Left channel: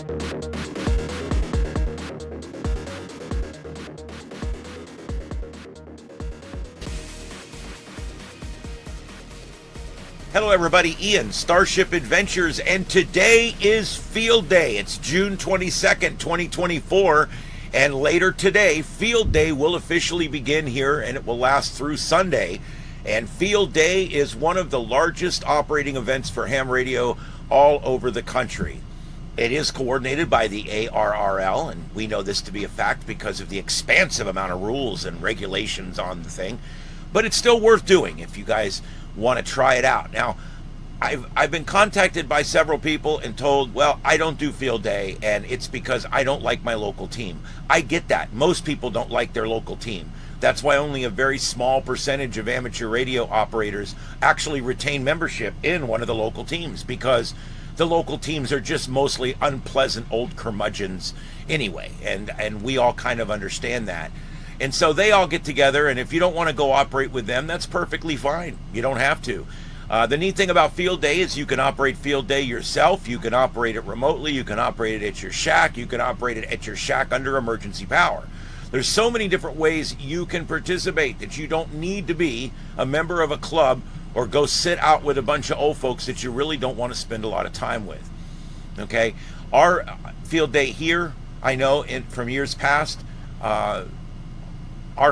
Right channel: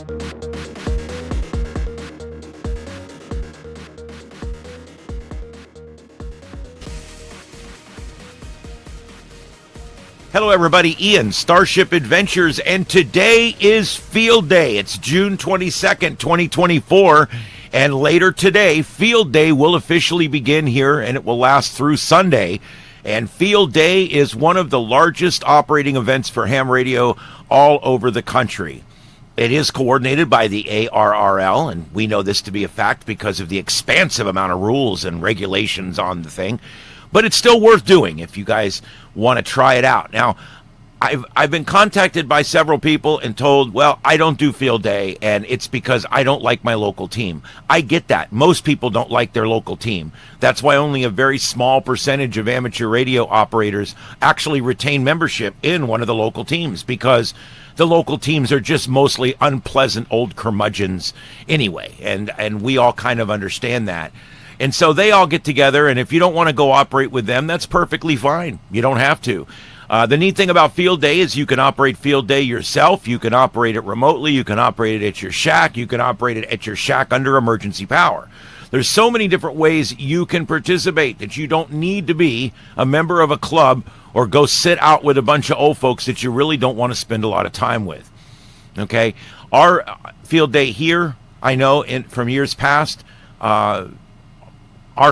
Hello everybody, Ian, Starship Adventures, and today is Field Day. It's June 22nd, 2024, and later today, Field Day will officially begin here, and it will last through Sunday. And Field Day is one of the largest operating events for ham radio all over the country. It is coordinated by the ARRL, and we know this to be a fact because of the expansive amount of rules and regulations on the thing. But it's still worth doing if you guys want to try it out. Now, I've been contacted by several people and told, well, I don't do Field Day, and it's because I don't like my local team. I get that. Most people don't like their local team. That's why only a very small percentage of amateur radio operators actually retain membership in one of the local teams, because the local teams are just mostly unpleasant old curmudgeons anyway, and we all kind of understand that. And so they all get together, and if you don't want to go operate with them, that's perfectly fine. You don't have to. The neat thing about Field Day is you can operate Field Day yourself. You can operate it remotely. You can operate it at your shack. You can operate it at your shack under emergency power. There's so many different ways you can participate that you don't need to be a member of a club or go sit out with a bunch of old folks that you really don't want to spend a lot of time with. Okay? Our Field Day here, I know from years past, our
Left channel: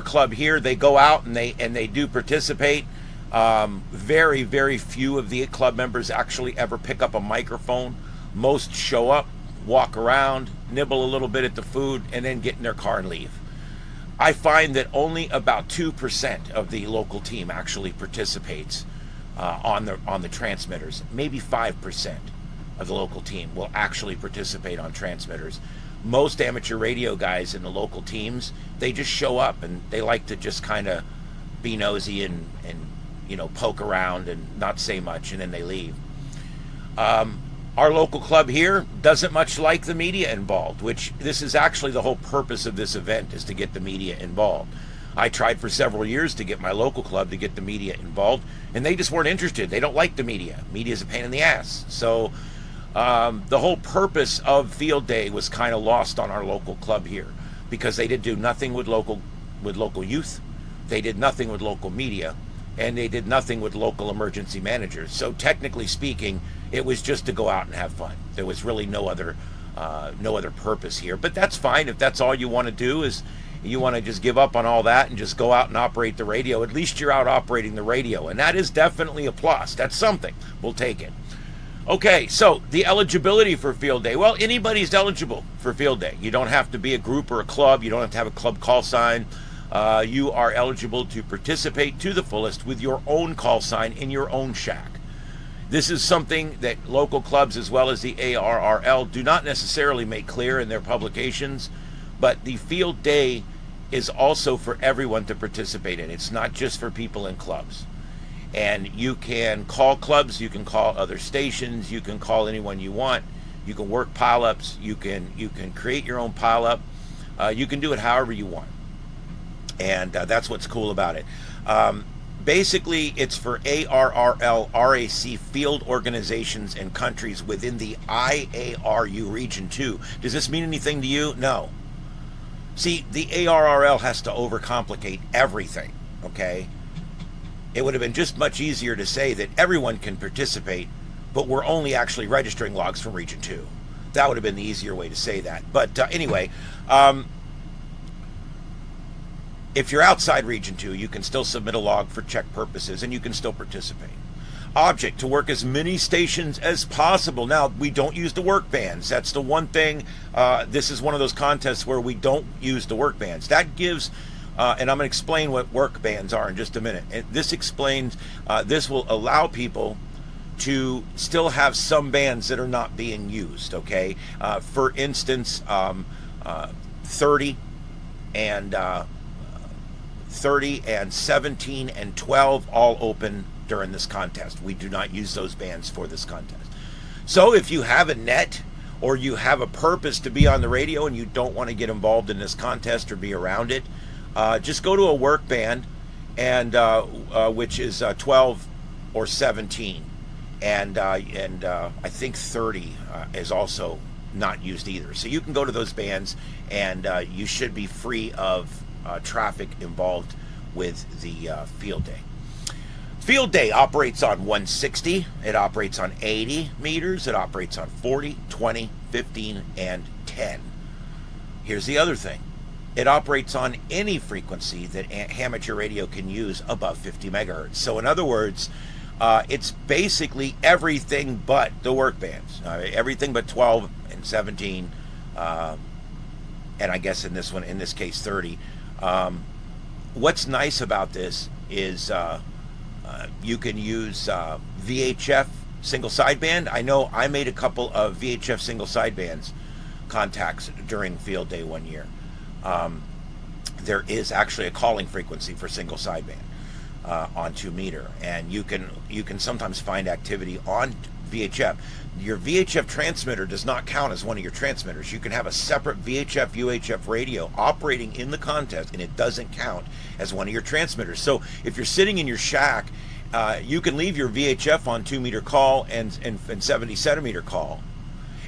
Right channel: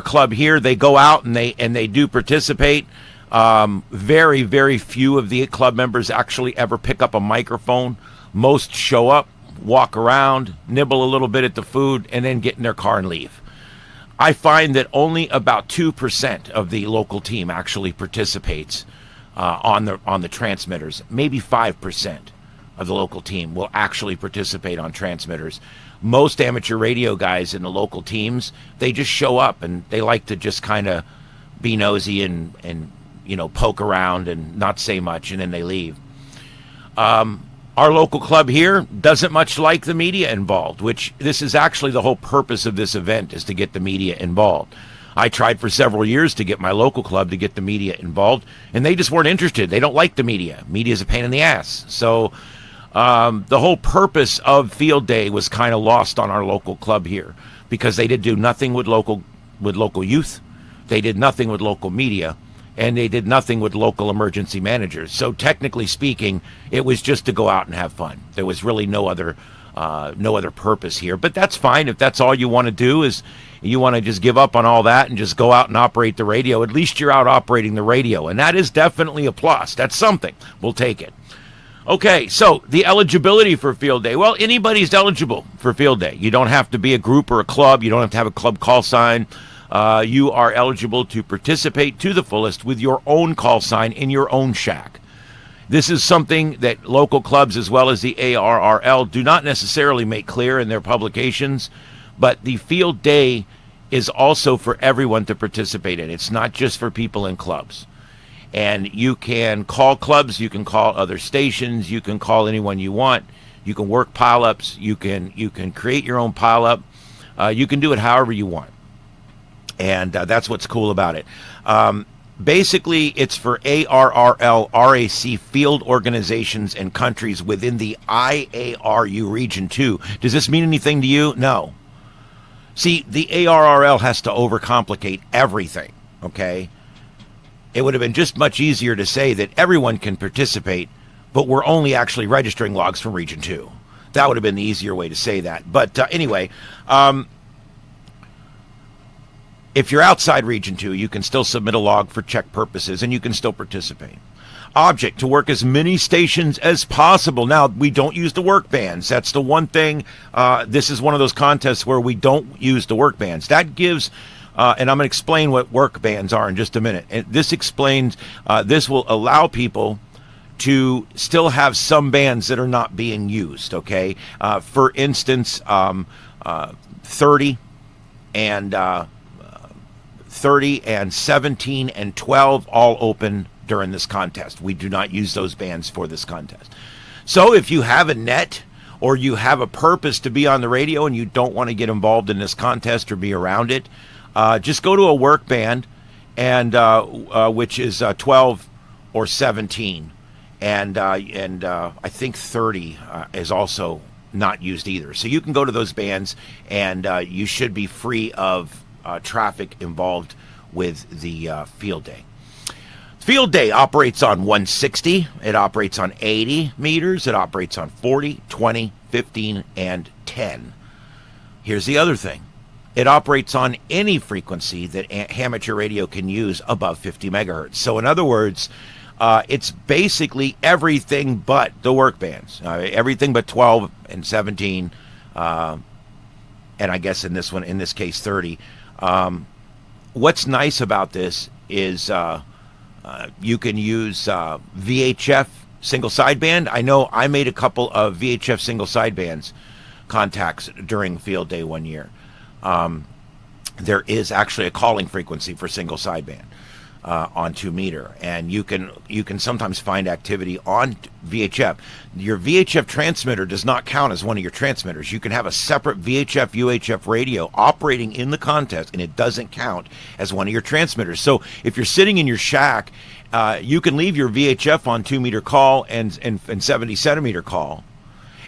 club here, they go out and they do participate. Very, very few of the club members actually ever pick up a microphone. Most show up, walk around, nibble a little bit at the food, and then get in their car and leave. I find that only about 2% of the local team actually participates on the transmitters. Maybe 5% of the local team will actually participate on transmitters. Most amateur radio guys in the local teams, they just show up and they like to just kind of be nosy and poke around and not say much, and then they leave. Our local club here doesn't much like the media involved, which this is actually the whole purpose of this event, is to get the media involved. I tried for several years to get my local club to get the media involved, and they just weren't interested. They don't like the media. Media's a pain in the ass. So the whole purpose of Field Day was kind of lost on our local club here, because they did do nothing with local youth, they did nothing with local media, and they did nothing with local emergency managers. So technically speaking, it was just to go out and have fun. There was really no other purpose here. But that's fine if that's all you want to do, is you want to just give up on all that and just go out and operate the radio. At least you're out operating the radio, and that is definitely a plus. That's something. We'll take it. Okay, so the eligibility for Field Day. Well, anybody's eligible for Field Day. You don't have to be a group or a club. You don't have to have a club call sign. You are eligible to participate to the fullest with your own call sign in your own shack. This is something that local clubs as well as the ARRL do not necessarily make clear in their publications, but the Field Day is also for everyone to participate in. It's not just for people in clubs. And you can call clubs, you can call other stations, you can call anyone you want. You can work pileups, you can create your own pileup. You can do it however you want. And that's what's cool about it. Basically, it's for ARRL RAC field organizations and countries within the IARU Region 2. Does this mean anything to you? No. See, the ARRL has to overcomplicate everything, okay? It would have been just much easier to say that everyone can participate, but we're only actually registering logs from Region 2. That would have been the easier way to say that. But anyway, if you're outside Region 2, you can still submit a log for check purposes, and you can still participate. Object, to work as many stations as possible. Now, we don't use the work bands. That's the one thing. This is one of those contests where we don't use the work bands. That gives... and I'm going to explain what work bands are in just a minute. And this explains, this will allow people to still have some bands that are not being used, okay? For instance, 30 and 17 and 12 all open during this contest. We do not use those bands for this contest. So if you have a net or you have a purpose to be on the radio and you don't want to get involved in this contest or be around it, just go to a work band, and which is 12 or 17, and I think 30 is also not used either. So you can go to those bands, and you should be free of traffic involved with the field day. Field day operates on 160, it operates on 80 meters, it operates on 40, 20, 15, and 10. Here's the other thing. It operates on any frequency that amateur radio can use above 50 megahertz. So in other words, it's basically everything but the work bands, everything but 12 and 17, and I guess in this case 30. What's nice about this is you can use VHF single sideband. I know I made a couple of VHF single sidebands contacts during field day one year. There is actually a calling frequency for single sideband on 2 meter, and you can sometimes find activity on VHF. Your VHF transmitter does not count as one of your transmitters. You can have a separate VHF UHF radio operating in the contest, and it doesn't count as one of your transmitters. So if you're sitting in your shack, you can leave your VHF on 2 meter call and 70 centimeter call,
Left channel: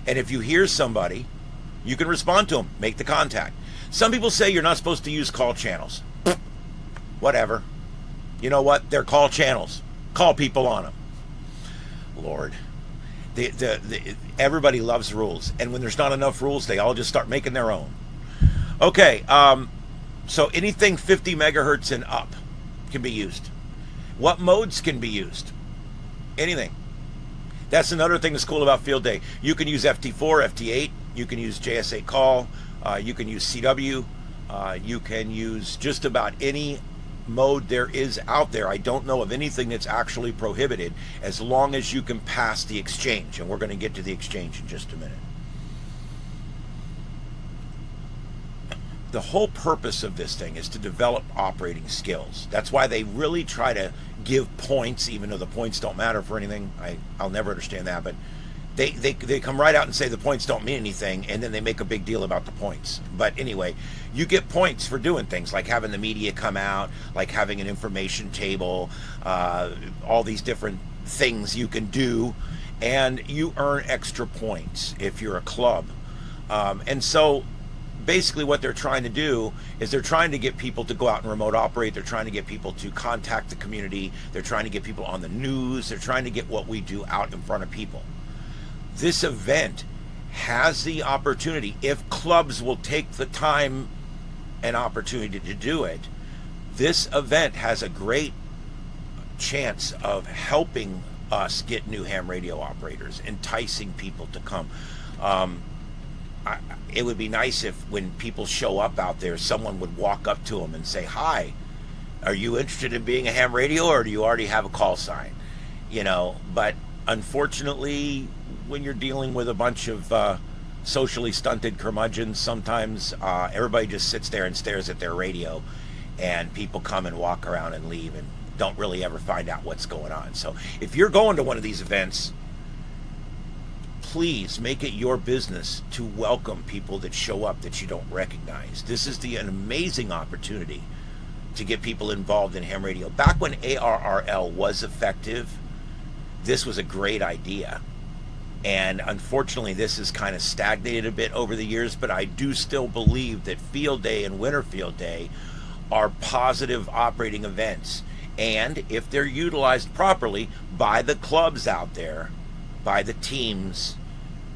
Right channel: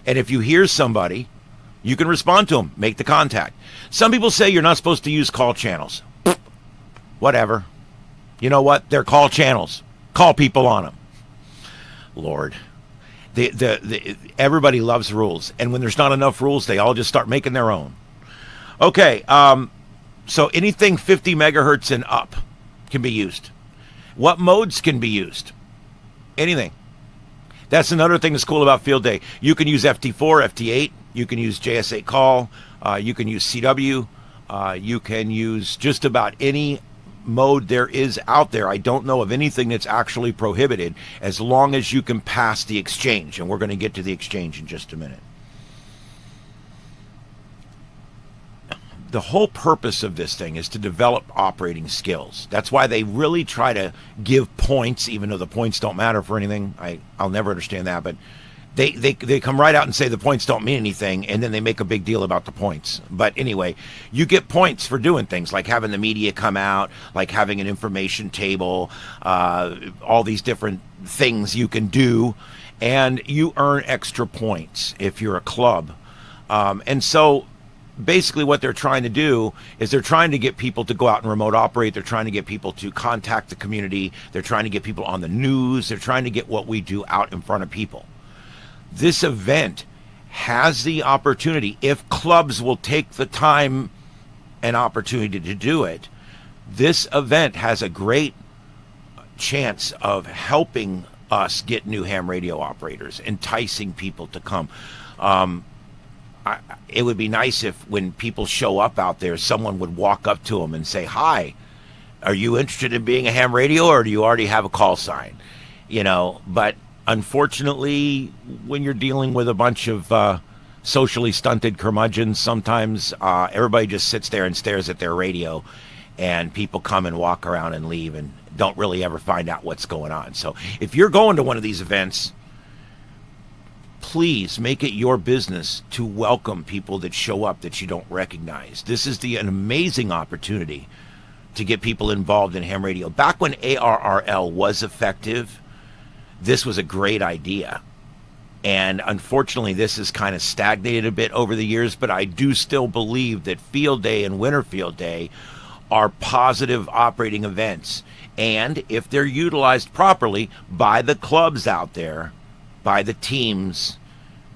and if you hear somebody, you can respond to them, make the contact. Some people say you're not supposed to use call channels. Whatever. You know what? They're call channels. Call people on them. Lord. Everybody loves rules. And when there's not enough rules, they all just start making their own. Okay. So anything 50 megahertz and up can be used. What modes can be used? Anything. That's another thing that's cool about field day. You can use FT4, FT8. You can use JS8 call. You can use CW. You can use just about any mode there is out there. I don't know of anything that's actually prohibited, as long as you can pass the exchange. And we're going to get to the exchange in just a minute. The whole purpose of this thing is to develop operating skills. That's why they really try to give points, even though the points don't matter for anything. I'll never understand that, but they come right out and say the points don't mean anything, and then they make a big deal about the points. But anyway, you get points for doing things like having the media come out, like having an information table, all these different things you can do, and you earn extra points if you're a club. And so basically what they're trying to do is they're trying to get people to go out and remote operate. They're trying to get people to contact the community. They're trying to get people on the news. They're trying to get what we do out in front of people. This event has the opportunity, if clubs will take the time and opportunity to do it, this event has a great chance of helping us get new ham radio operators, enticing people to come. It would be nice if when people show up out there, someone would walk up to them and say, "Hi, are you interested in being a ham radio, or do you already have a call sign?" You know, but unfortunately, when you're dealing with a bunch of socially stunted curmudgeons, sometimes everybody just sits there and stares at their radio, and people come and walk around and leave and don't really ever find out what's going on. So if you're going to one of these events, please make it your business to welcome people that show up that you don't recognize. This is an amazing opportunity to get people involved in ham radio. Back when ARRL was effective, this was a great idea. And unfortunately, this has kind of stagnated a bit over the years, but I do still believe that Field Day and Winter Field Day are positive operating events. And if they're utilized properly by the clubs out there, by the teams,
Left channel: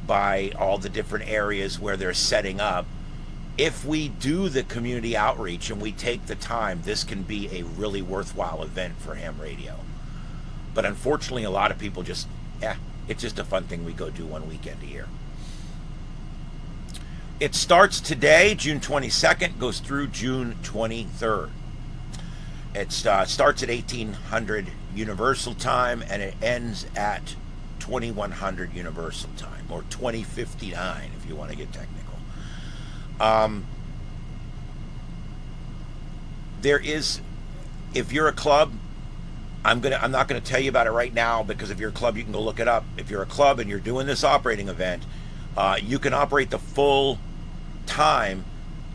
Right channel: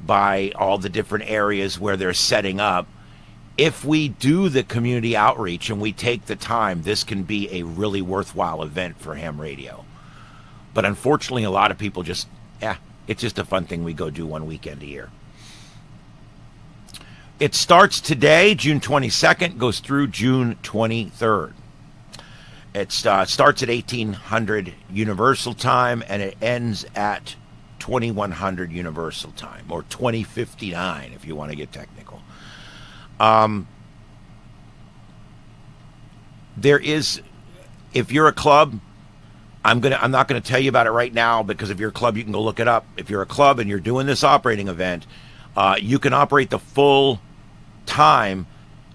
by all the different areas where they're setting up, if we do the community outreach and we take the time, this can be a really worthwhile event for ham radio. But unfortunately, a lot of people just, it's just a fun thing we go do one weekend a year. It starts today, June 22nd, goes through June 23rd. It starts at 1800 Universal Time, and it ends at 2100 Universal Time, or 2059 if you want to get technical. There is, if you're a club, I'm not gonna tell you about it right now, because if you're a club, you can go look it up. If you're a club and you're doing this operating event, you can operate the full time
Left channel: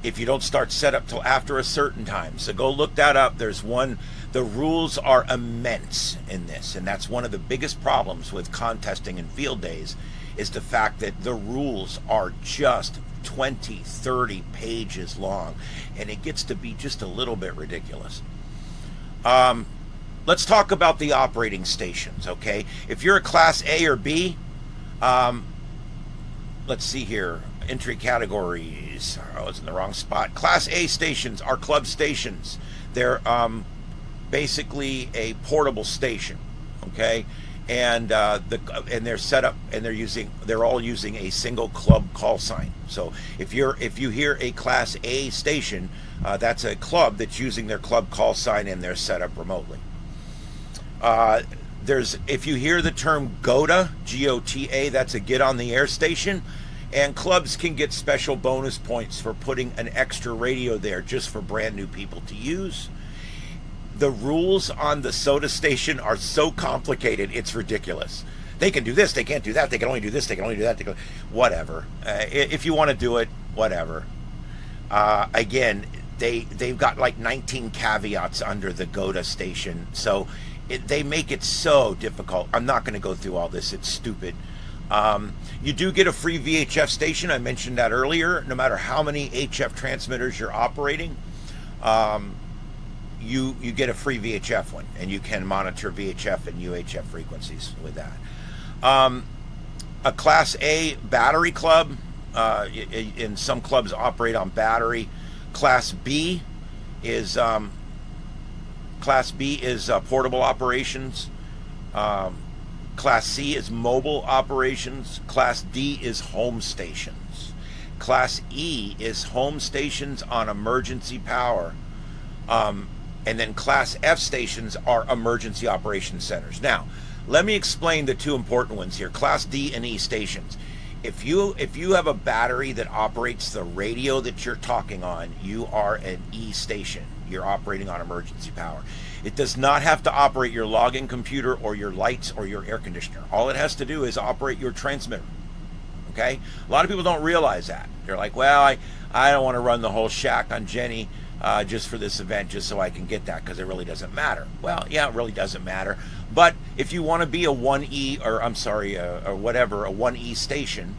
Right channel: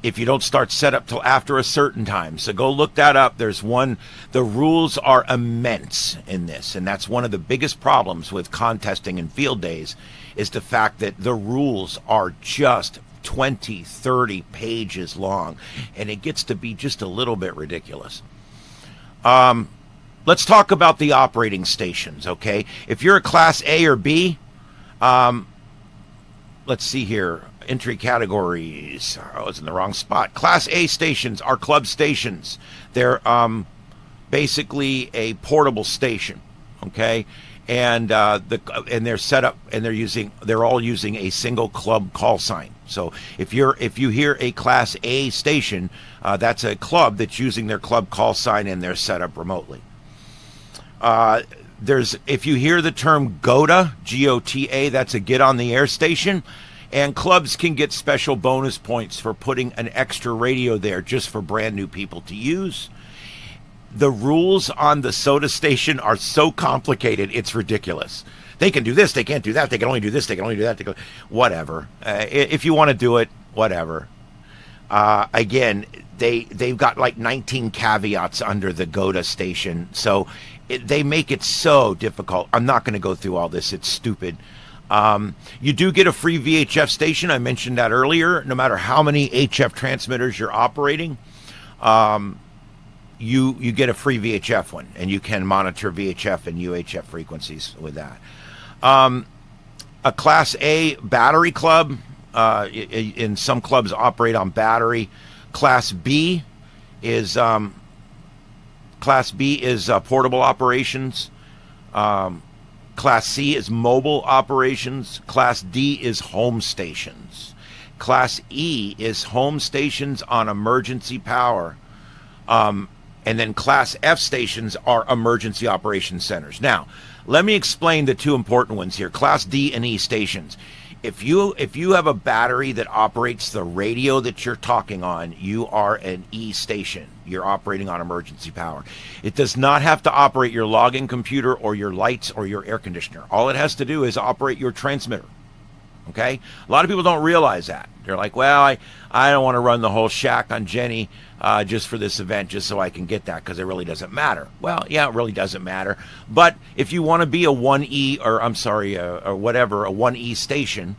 if you don't start setup till after a certain time. So go look that up. There's one, the rules are immense in this, and that's one of the biggest problems with contesting and field days, is the fact that the rules are just 20, 30 pages long, and it gets to be just a little bit ridiculous. Let's talk about the operating stations, okay? If you're a Class A or B, let's see here. Entry categories. I was in the wrong spot. Class A stations are club stations. They're basically a portable station, okay? And they're set up, and they're all using a single club call sign. So if you hear a Class A station, that's a club that's using their club call sign, and they're set up remotely. If you hear the term GOTA, G-O-T-A, that's a get on the air station, and clubs can get special bonus points for putting an extra radio there just for brand new people to use. The rules on the soda station are so complicated, it's ridiculous. They can do this, they can't do that, they can only do this, they can only do that, whatever. If you want to do it, whatever. Again, they've got like 19 caveats under the GOTA station, so they make it so difficult. I'm not going to go through all this. It's stupid. You do get a free VHF station. I mentioned that earlier. No matter how many HF transmitters you're operating, you get a free VHF one, and you can monitor VHF and UHF frequencies with that. A Class A battery club, in some clubs operate on battery. Class B is portable operations. Class C is mobile operations. Class D is home stations. Class E is home stations on emergency power. And then Class F stations are emergency operations centers. Now, let me explain the two important ones here. Class D and E stations. If you have a battery that operates the radio that you're talking on, you are an E station. You're operating on emergency power. It does not have to operate your logging computer or your lights or your air conditioner. All it has to do is operate your transmitter. Okay? A lot of people don't realize that. They're like, well, I don't want to run the whole shack on Jenny just for this event, just so I can get that, because it really doesn't matter. Well, yeah, it really doesn't matter. But if you want to be a 1E, or I'm sorry, or whatever, a 1E station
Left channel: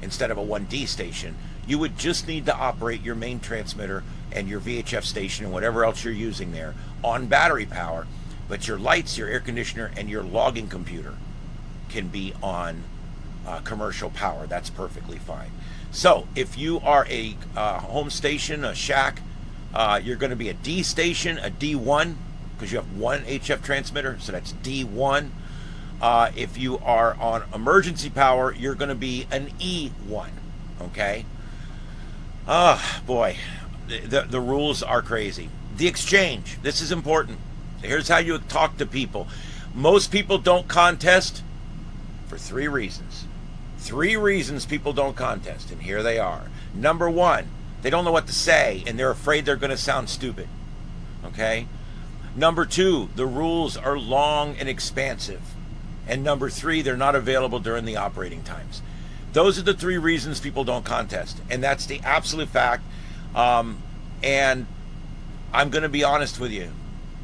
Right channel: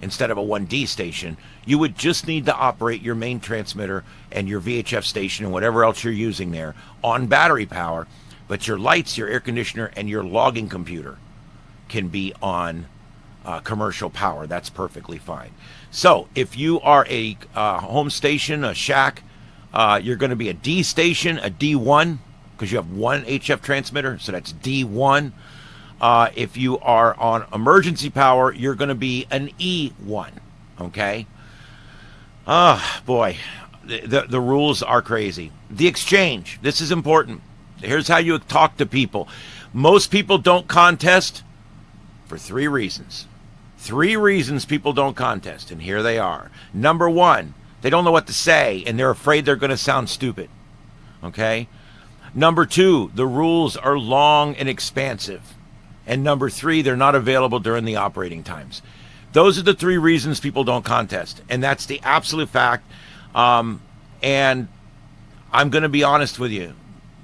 instead of a 1D station, you would just need to operate your main transmitter and your VHF station and whatever else you're using there on battery power. But your lights, your air conditioner, and your logging computer can be on commercial power. That's perfectly fine. So if you are a home station, a shack, you're going to be a D station, a D1, because you have one HF transmitter, so that's D1. If you are on emergency power, you're going to be an E1. Okay? Oh, boy. The rules are crazy. The exchange. This is important. Here's how you talk to people. Most people don't contest for 3 reasons. 3 reasons people don't contest, and here they are. Number 1, they don't know what to say, and they're afraid they're going to sound stupid. Okay? Number 2, the rules are long and expansive. And number 3, they're not available during the operating times. Those are the 3 reasons people don't contest, and that's the absolute fact. And I'm going to be honest with you.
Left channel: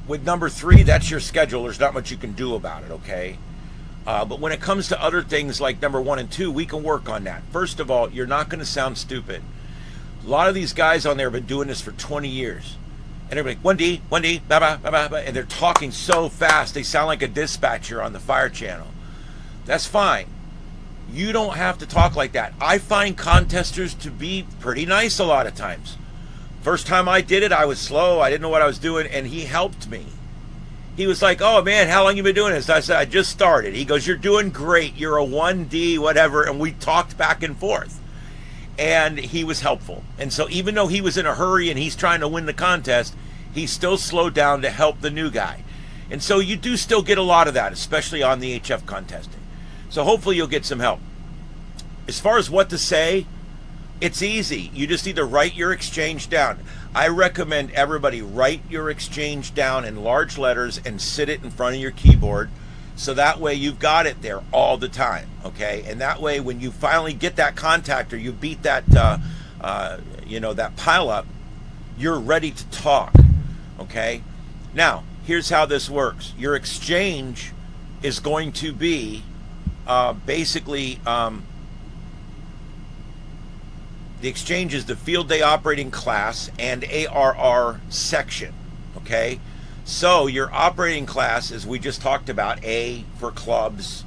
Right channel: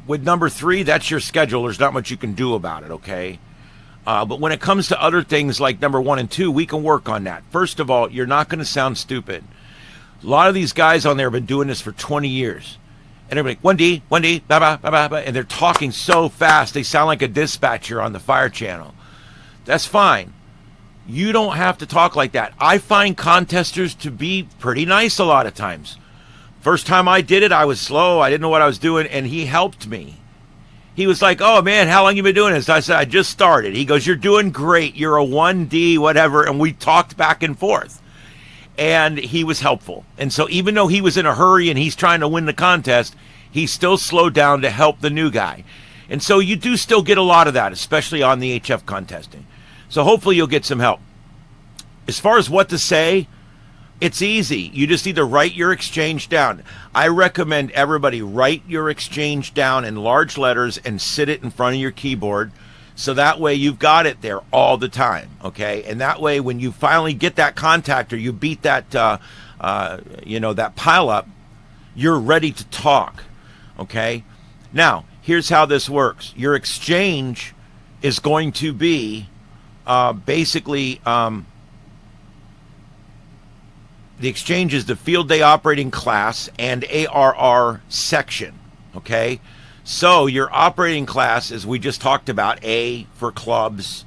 With number 3, that's your schedule. There's not much you can do about it, okay? But when it comes to other things like number 1 and 2, we can work on that. First of all, you're not going to sound stupid. A lot of these guys on there have been doing this for 20 years. And they're like, 1D, blah, blah, blah, blah, blah, and they're talking so fast, they sound like a dispatcher on the fire channel. That's fine. You don't have to talk like that. I find contesters to be pretty nice a lot of times. First time I did it, I was slow. I didn't know what I was doing, and he helped me. He was like, oh, man, how long you been doing this? I said, I just started. He goes, you're doing great. You're a 1D, whatever, and we talked back and forth. And he was helpful. And so even though he was in a hurry and he's trying to win the contest, he still slowed down to help the new guy. And so you do still get a lot of that, especially on the HF contesting. So hopefully you'll get some help. As far as what to say, it's easy. You just need to write your exchange down. I recommend everybody write your exchange down in large letters and sit it in front of your keyboard, so that way you've got it there all the time, okay? And that way when you finally get that contact or you beat that, that pile up, you're ready to talk, okay? Now, here's how this works. Your exchange is going to be basically The exchange is the field day operating class and ARR section. Okay, so your operating class, as we just talked about, A for clubs,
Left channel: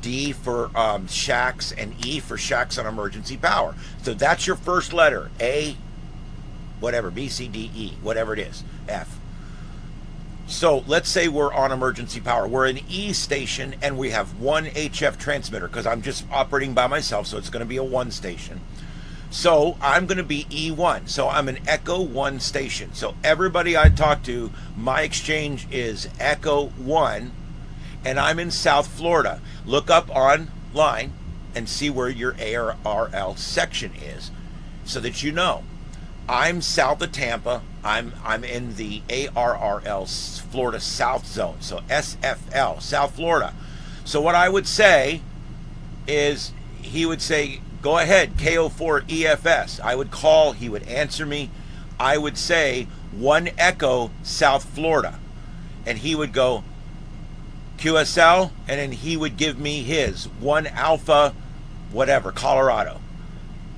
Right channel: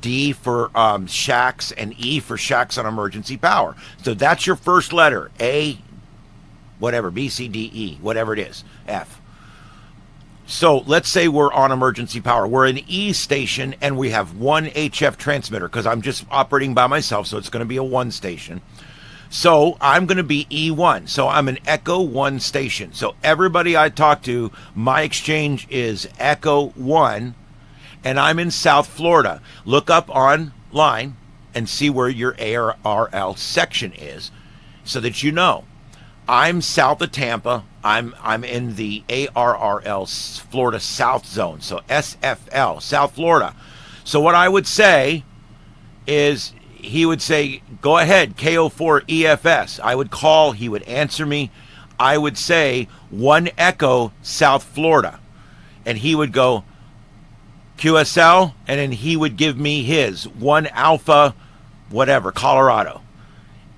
D for shacks, and E for shacks on emergency power. So that's your first letter, A, whatever, B, C, D, E, whatever it is, F. So let's say we're on emergency power. We're an E station and we have one HF transmitter, because I'm just operating by myself, so it's going to be a 1 station. So I'm going to be E1. So I'm an Echo 1 station. So everybody I talk to, my exchange is Echo 1, and I'm in South Florida. Look up online and see where your ARRL section is so that you know. I'm south of Tampa. I'm in the ARRL Florida South Zone. So SFL, South Florida. So what I would say is, he would say, go ahead, KO4 EFS. I would call, he would answer me. I would say 1 Echo South Florida. And he would go QSL, and then he would give me his 1 Alpha, whatever, Colorado.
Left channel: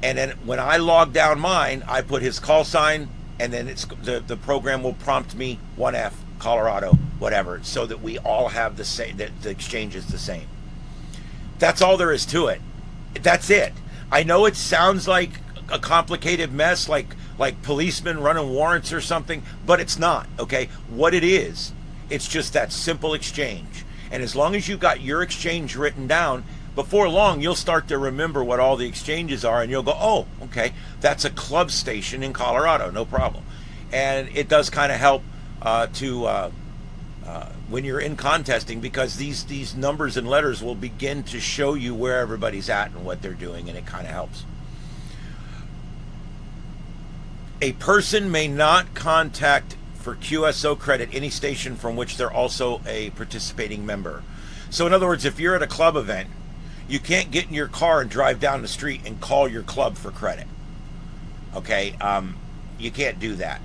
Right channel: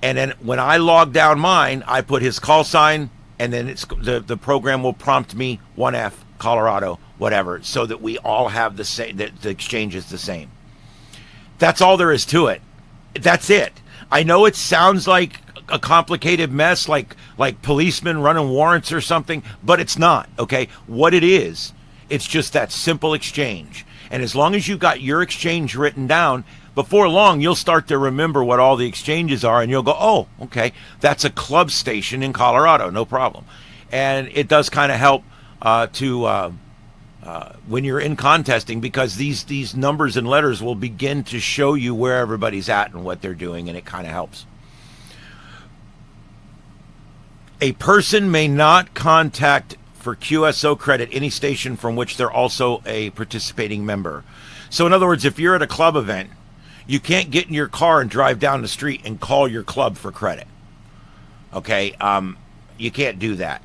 And then when I log down mine, I put his call sign, and then it's the program will prompt me 1F, Colorado, whatever, so that we all have the same, that the exchange is the same. That's all there is to it. That's it. I know it sounds like a complicated mess, like policemen running warrants or something, but it's not, okay? What it is, it's just that simple exchange. And as long as you've got your exchange written down, before long, you'll start to remember what all the exchanges are, and you'll go, oh, okay, that's a club station in Colorado, no problem. And it does kind of help when you're in contesting, because these numbers and letters will begin to show you where everybody's at and what they're doing, and it kind of helps. A person may not contact for QSO credit any station from which they're also a participating member. So in other words, if you're at a club event, you can't get in your car and drive down the street and call your club for credit. Okay, you can't do that.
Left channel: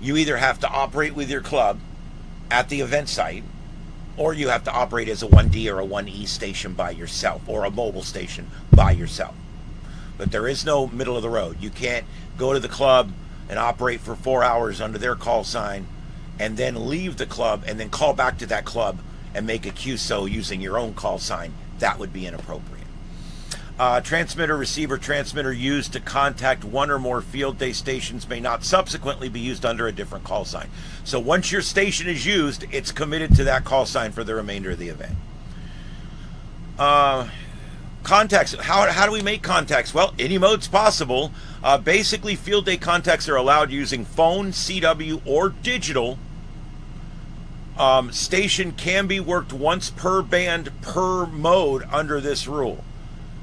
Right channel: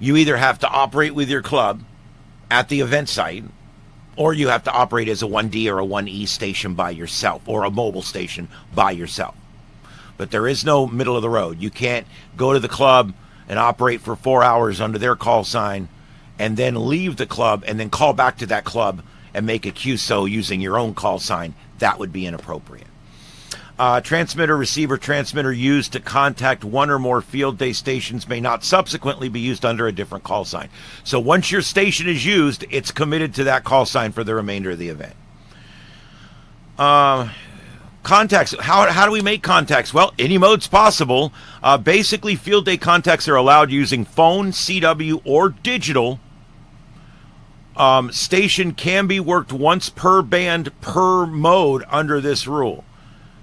You either have to operate with your club at the event site, or you have to operate as a 1D or a 1E station by yourself, or a mobile station by yourself. But there is no middle of the road. You can't go to the club and operate for 4 hours under their call sign and then leave the club and then call back to that club and make a QSO using your own call sign. That would be inappropriate. Transmitter, receiver, transmitter used to contact one or more field day stations may not subsequently be used under a different call sign. So once your station is used, it's committed to that call sign for the remainder of the event. Contacts. How do we make contacts? Well, any mode's possible. Basically, field day contacts are allowed using phone, CW, or digital. Station can be worked once per band per mode under this rule.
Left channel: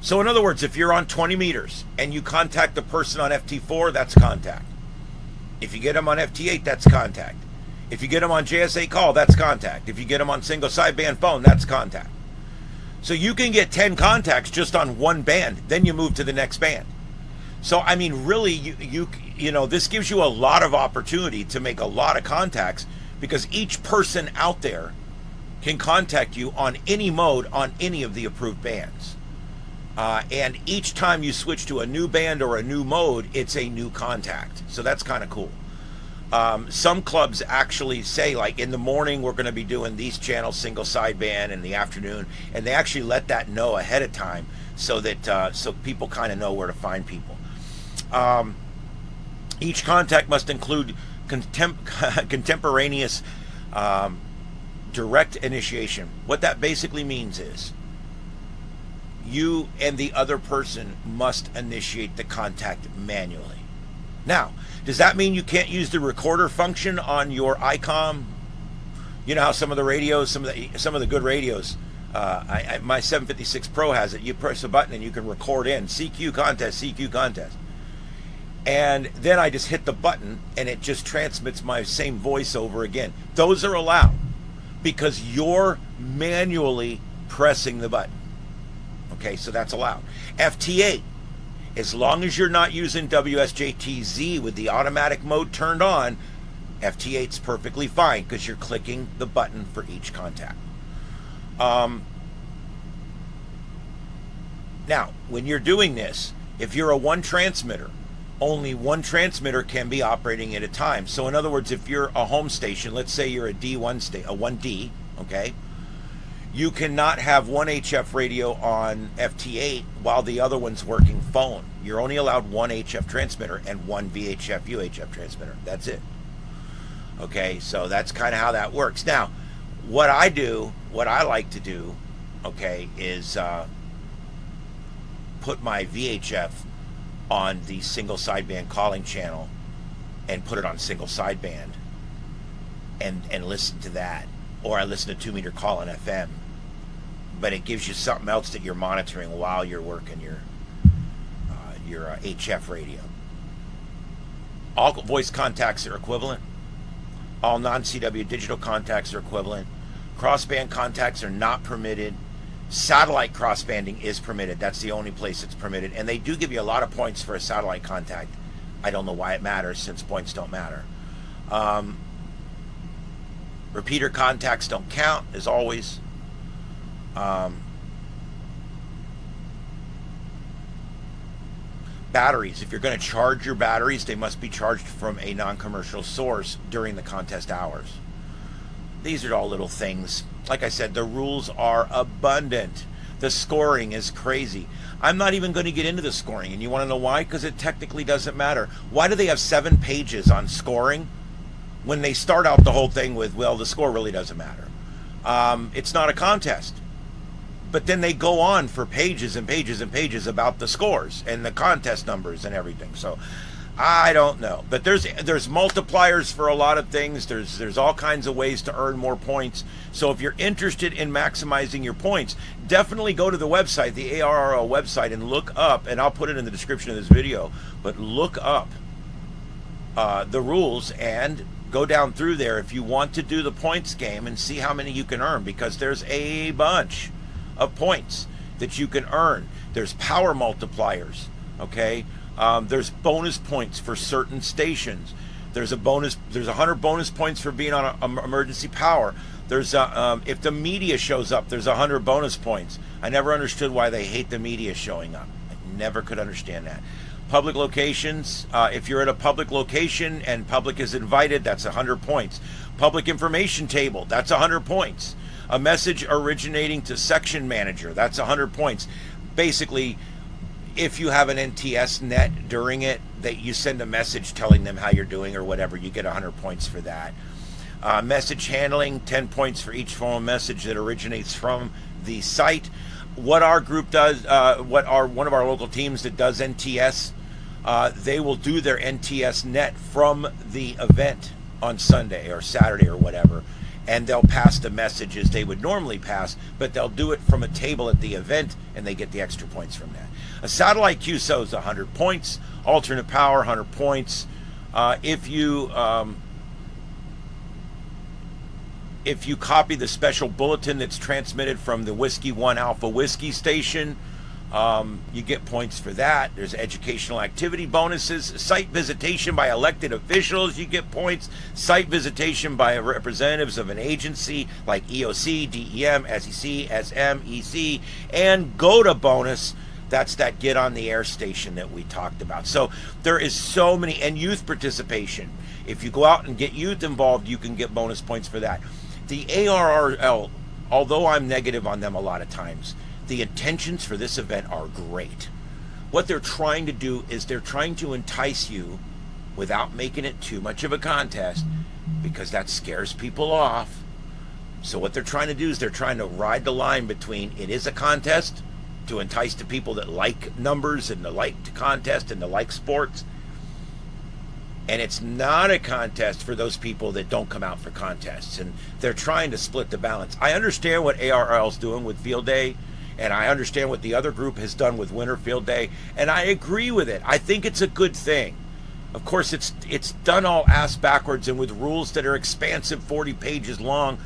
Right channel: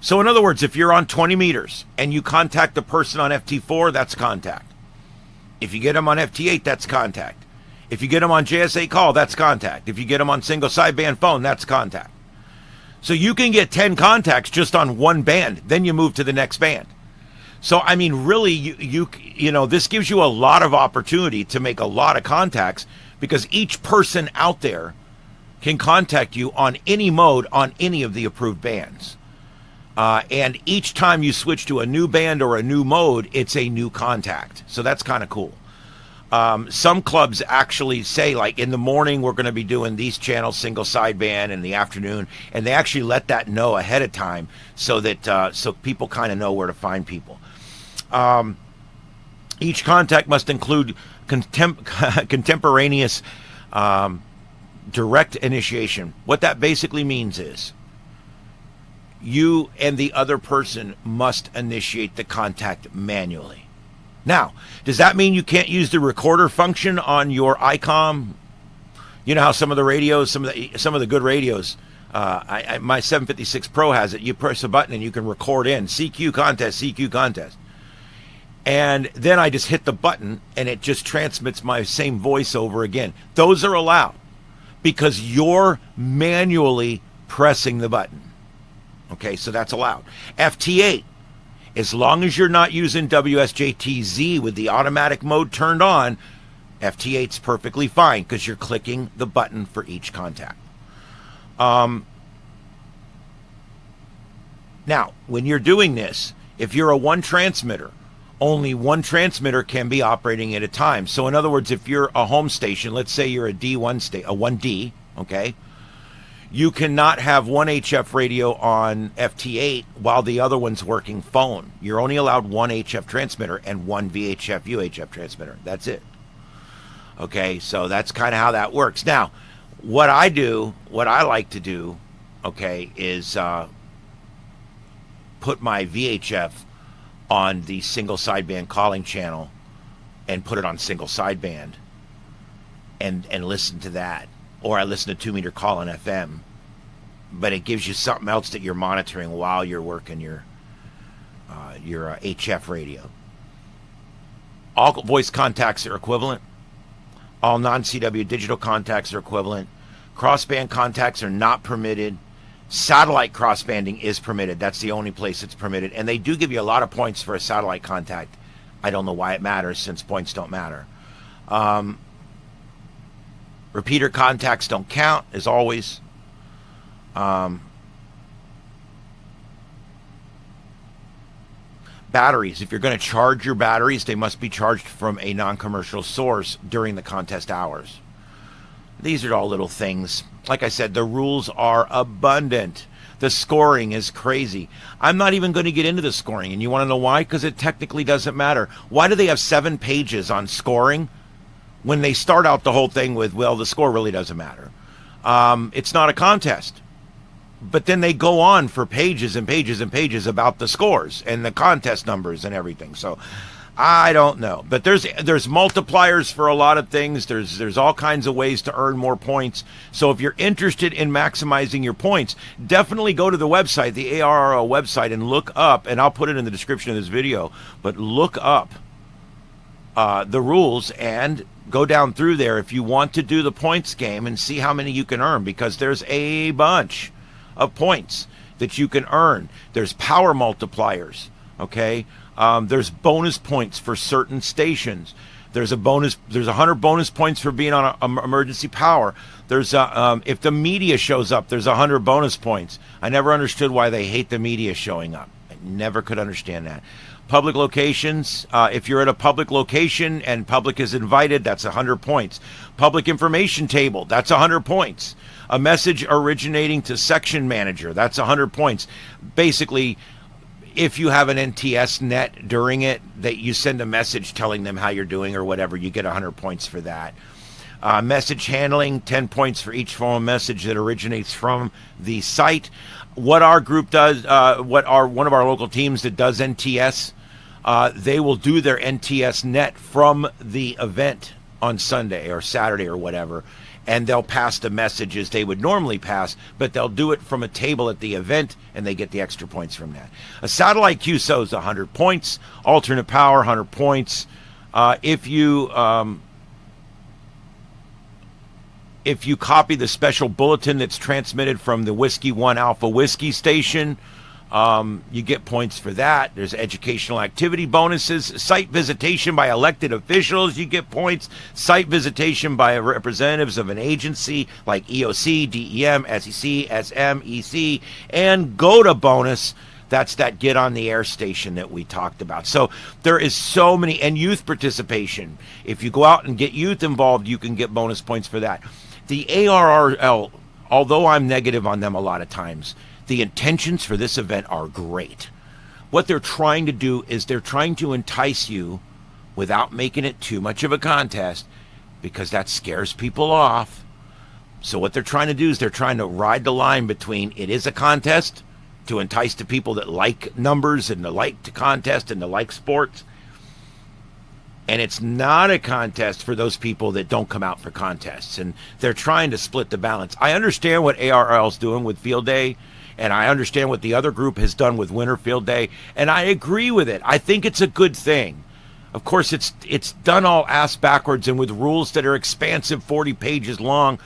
So in other words, if you're on 20 meters and you contact the person on FT4, that's contact. If you get them on FT8, that's contact. If you get them on JSA call, that's contact. If you get them on single sideband phone, that's contact. So you can get 10 contacts just on one band, then you move to the next band. So I mean, really, you know, this gives you a lot of opportunity to make a lot of contacts, because each person out there can contact you on any mode on any of the approved bands. And each time you switch to a new band or a new mode, it's a new contact. So that's kind of cool. Some clubs actually say, like, in the morning we're going to be doing these channels, single sideband, in the afternoon, and they actually let that know ahead of time so that so people kind of know where to find people. Each contact must include contemporaneous direct initiation. What that basically means is you and the other person must initiate the contact manually. Now, does that mean you can't use the recorder function on your ICOM? You know how some of the radios, some of the good radios, my 756 Pro has it. You press a button and you can record in CQ contest, CQ contest. And then I just hit the button and it just transmits my same voice over again. Those are allowed because you're manually pressing the button. Okay, so that's allowed. FT8, as long as you're not using WSJTZ with the automatic mode turned on, FT8's perfectly fine because you're clicking the button for each contact. Now, when you're doing this, If you're a one transmitter, only one transmitter can be operating at a time. So in other words, if you're a home station, let's say you're a D1 a 1D, okay, you cannot have one HF radio on FT8 while the other one's working phone. You're only allowed one HF transmitter and one VHF UHF transmitter. That's it. Okay, so that's kind of how that works. Now, what I like to do, okay, is put my VHF on the single sideband calling channel and put it on single sideband and listen to that. Or I listen to 2 meter call on FM. But it gives you something else that you're monitoring while you're working your HF radio. All voice contacts are equivalent. All non-CW digital contacts are equivalent. Crossband contacts are not permitted. Satellite crossbanding is permitted. That's the only place it's permitted. And they do give you a lot of points for a satellite contact. I don't know why it matters, since points don't matter. Repeater contacts don't count, as always. Batteries. If you're going to charge your batteries, they must be charged from a non-commercial source during the contest hours. These are all little things. Like I said, the rules are abundant. The scoring is crazy. I'm not even going to get into the scoring. And you want to know why? Because it technically doesn't matter. Why do they have 7 pages on scoring when they start out the whole thing with, well, the score really doesn't matter? It's not a contest. But then they go on for pages and pages and pages about the scores and the contest numbers and everything. So I don't know. But there's multipliers for a lot of things. There's all kinds of ways to earn more points. So if you're interested in maximizing your points, definitely go to the website, the ARRL website, and look up, and I'll put it in the description of this video, but look up the rules and go down through there if you want to do the points game and see how many you can earn, because there's a bunch of points that you can earn. There's power multipliers, okay? There's bonus points for certain stations. There's 100 bonus points for being on a emergency power. There's if the media shows up, there's 100 bonus points. I never understood why they hate the media showing up. I never could understand that. Public locations, if you're at a public location and public is invited, that's 100 points. Public information table, that's 100 points. A message originating to section manager, that's 100 points. Basically, if you have an NTS net during it, that you send a message telling them how you're doing or whatever, you get 100 points for that. Message handling, 10 points for each phone message that originates from the site. What our group does, one of our local teams that does NTS, they will do their NTS net from the event on Sunday or Saturday or whatever, and they'll pass the messages they would normally pass, but they'll do it from a table at the event, and they get the extra points from that. A satellite QSO is 100 points. Alternate power, 100 points. If you copy the special bulletin that's transmitted from the Whiskey 1 Alpha Whiskey station, you get points for that. There's educational activity bonuses. Site visitation by elected officials, you get points. Site visitation by representatives of an agency like EOC, DEM, SEC, SM, EC, and GOTA bonus. That's that get on the air station that we talked about. So there is so many, and youth participation. If you go out and get youth involved, you can get bonus points for that. The ARRL, although I'm negative on them a lot of times, the intentions for this event are great. What they're trying to do is they're trying to entice you without making it too much of a contest, because that scares people off. So what they're trying to do is they're trying to ride the line between it is a contest to entice the people that like numbers and the like to contest and the like sports, and it's not a contest for those people that don't come out for contests, and they're trying to split the balance. I understand what ARRL's doing with Field Day, and I understand what the other group has done with Winter Field Day, and I agree with it. I think it's a good thing. Of course, it's done all ass backwards and with rules that are expansive, 40 pages long,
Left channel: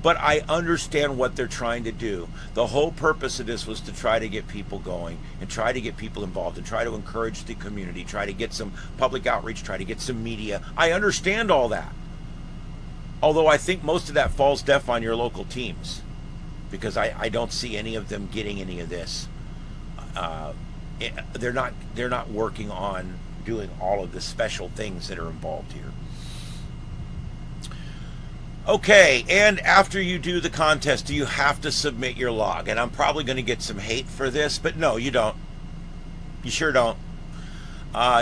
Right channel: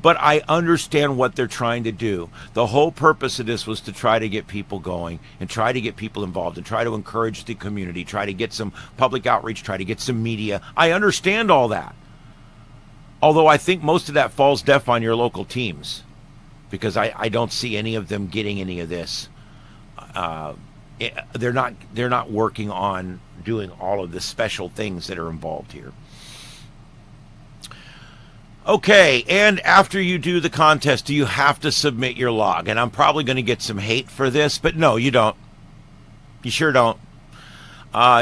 but I understand what they're trying to do. The whole purpose of this was to try to get people going and try to get people involved and try to encourage the community, try to get some public outreach, try to get some media. I understand all that. Although I think most of that falls deaf on your local teams, because I don't see any of them getting any of this. they're not working on doing all of the special things that are involved here. Okay, and after you do the contest, do you have to submit your log? And I'm probably going to get some hate for this, but no, you don't. You sure don't.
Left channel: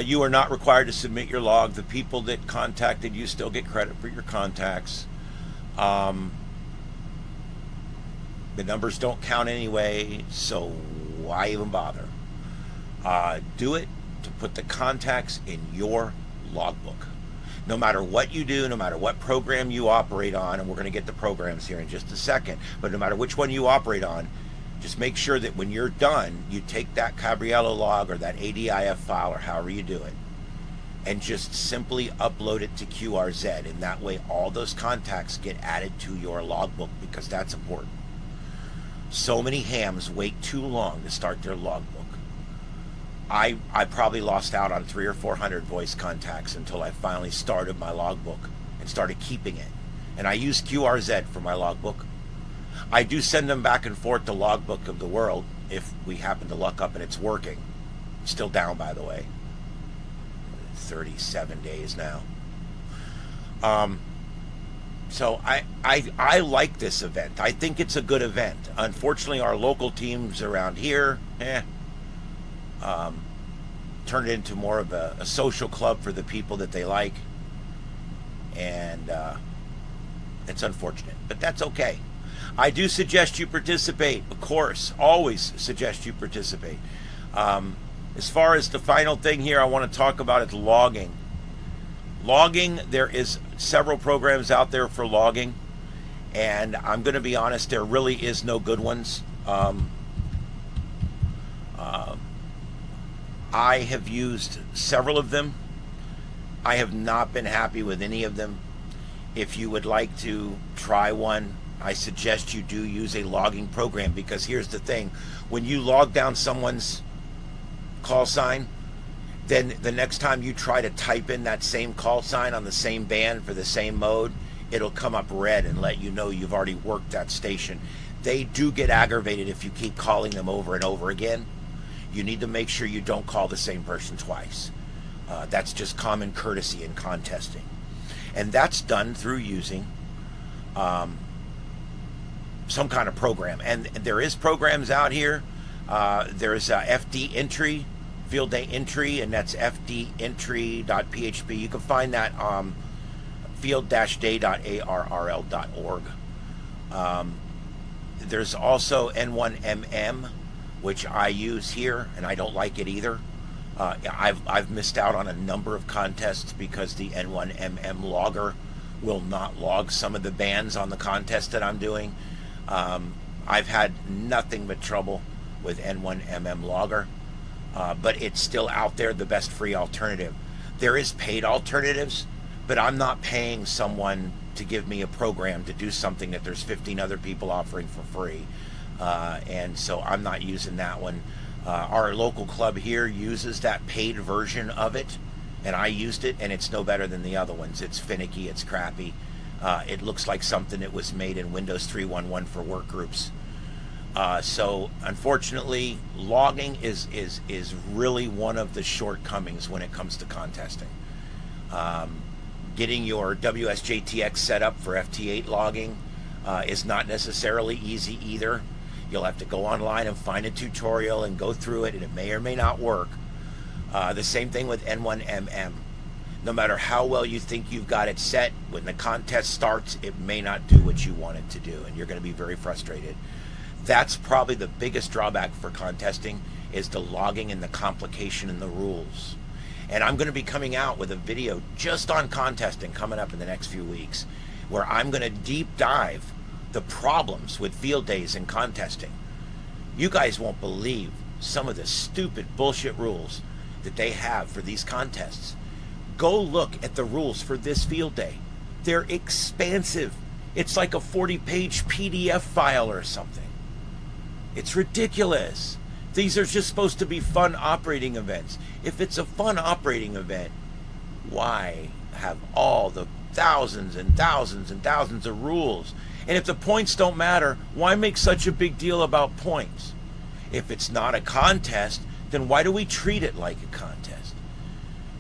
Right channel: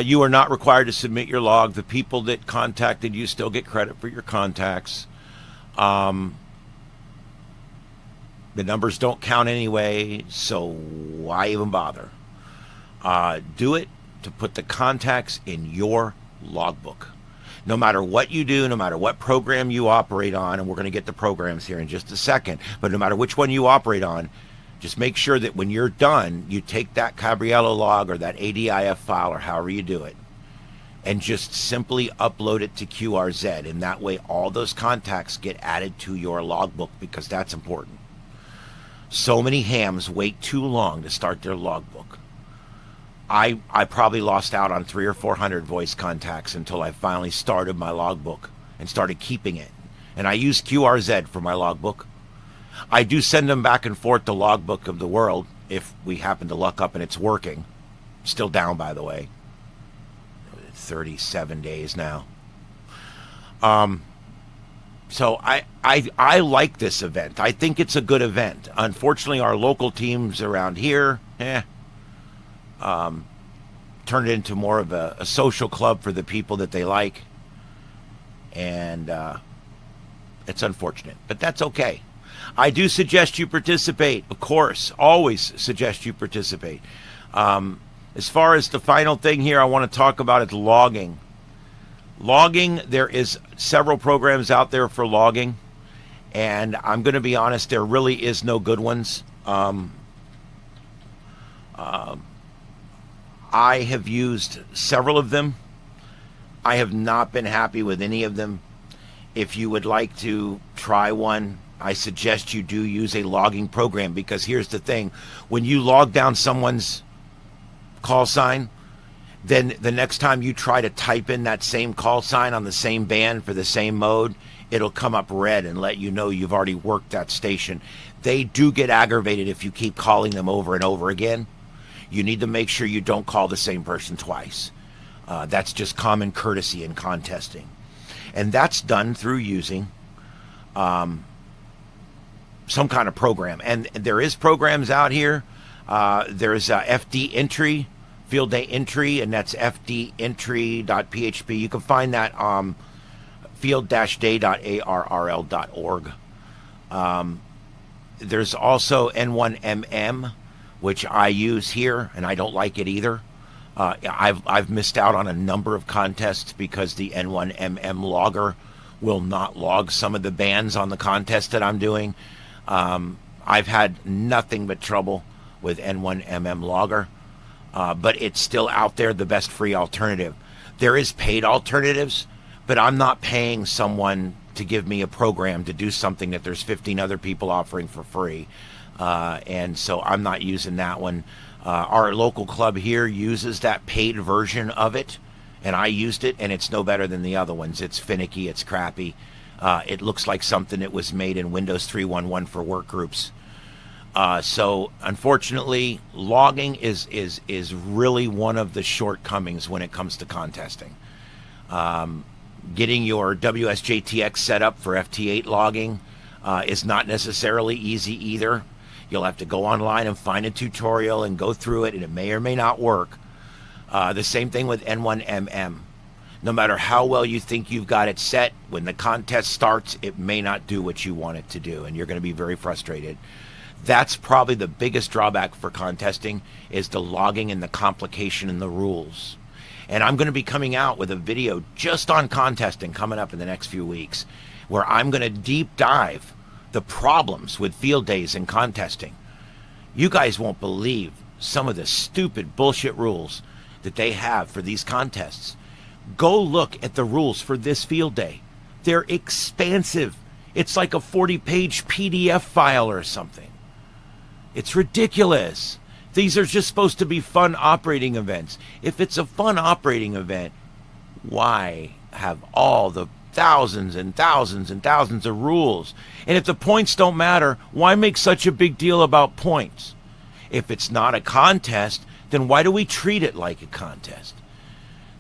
You are not required to submit your log. The people that contacted you still get credit for your contacts. The numbers don't count anyway, so why even bother? Do it to put the contacts in your logbook. No matter what you do, no matter what program you operate on, and we're going to get the programs here in just a second, but no matter which one you operate on, just make sure that when you're done, you take that Cabriello log or that ADIF file or however you do it, and just simply upload it to QRZ, and that way all those contacts get added to your logbook, because that's important. So many hams wait too long to start their logbook. I probably lost out on 300 or 400 voice contacts until I finally started my logbook and started keeping it. And I use QRZ for my logbook. I do send them back and forth to Logbook of the World if we happen to luck up and it's working. Still down, by the way. 37 days now. So I like this event. I think it's a good event. Unfortunately, our local teams around here, turned it into more of a social club for the people that they like. And it's unfortunate, but that's okay. I do suggest you participate, of course. Always suggest you participate. As far as the final thing here I want to talk about is logging. Logging, there is several programs out there for logging, and I'm going to be honest, there really is no good ones. I have used several of them. I have not been happy with any of them. If you would like to try one, I suggest you do use a logging program, because here's the thing. When you log down someone's call sign, then the next time you try to type in that same call sign on the same band for the same mode, it'll come up red and let you know you've already worked that station. They do get aggravated if you keep calling them over and over again. You need to make sure you don't call the same person twice. That's just common courtesy in contesting. And that's done through using some kind of program. And there is programs out here. There's FD entry, field day entry, and that's fdentry.php. You can find that field-day.arrl.org. There's also N1MM, which I use here, and I don't like it either. I've missed out on a number of contests because the N1MM logger will not log some of the bands on the contest that I'm doing. I've had nothing but trouble with N1MM logger, but it's still out there, the best free alternative. There is paid alternatives, but I'm not paying someone to give me a program to do something that there's 15 other people offering for free. And so I'm not using that one. Our local club here uses that paid version of it, and I used it, and it's no better than the other ones. It's finicky, it's crappy. It looks like something that was made in Windows 3.1.1 for work groups. So unfortunately, logging is really one of the shortcomings when it comes to contesting. Getting your WSJTX set up for FT8 logging is not necessarily easy either. You'll have to go online and find a tutorial and go through it, and it may or may not work. The same thing with N1MM. No matter how well you think you've got it set, when the contest starts, it may not do what you want it to do, and you're going to be very frustrated. That's probably the biggest drawback for contesting, is the logging and the complication in the rules. And I'm going to be coming out with a video just on contesting coming up in the next few weeks, where I'm going to deep dive the problems with field days and contesting. You guys won't believe some of the stupid bullshit rules that they have for these contests. Go look at the rules for this field day. They're expansive. It's like a 40-page PDF file or something. It's ridiculous. These are just supposed to be fun operating events. If it's a fun operating event, why have all the thousands and thousands and thousands of rules? And if the points don't matter, why make such a big deal about points? If it's not a contest, then why do we treat it like a contest?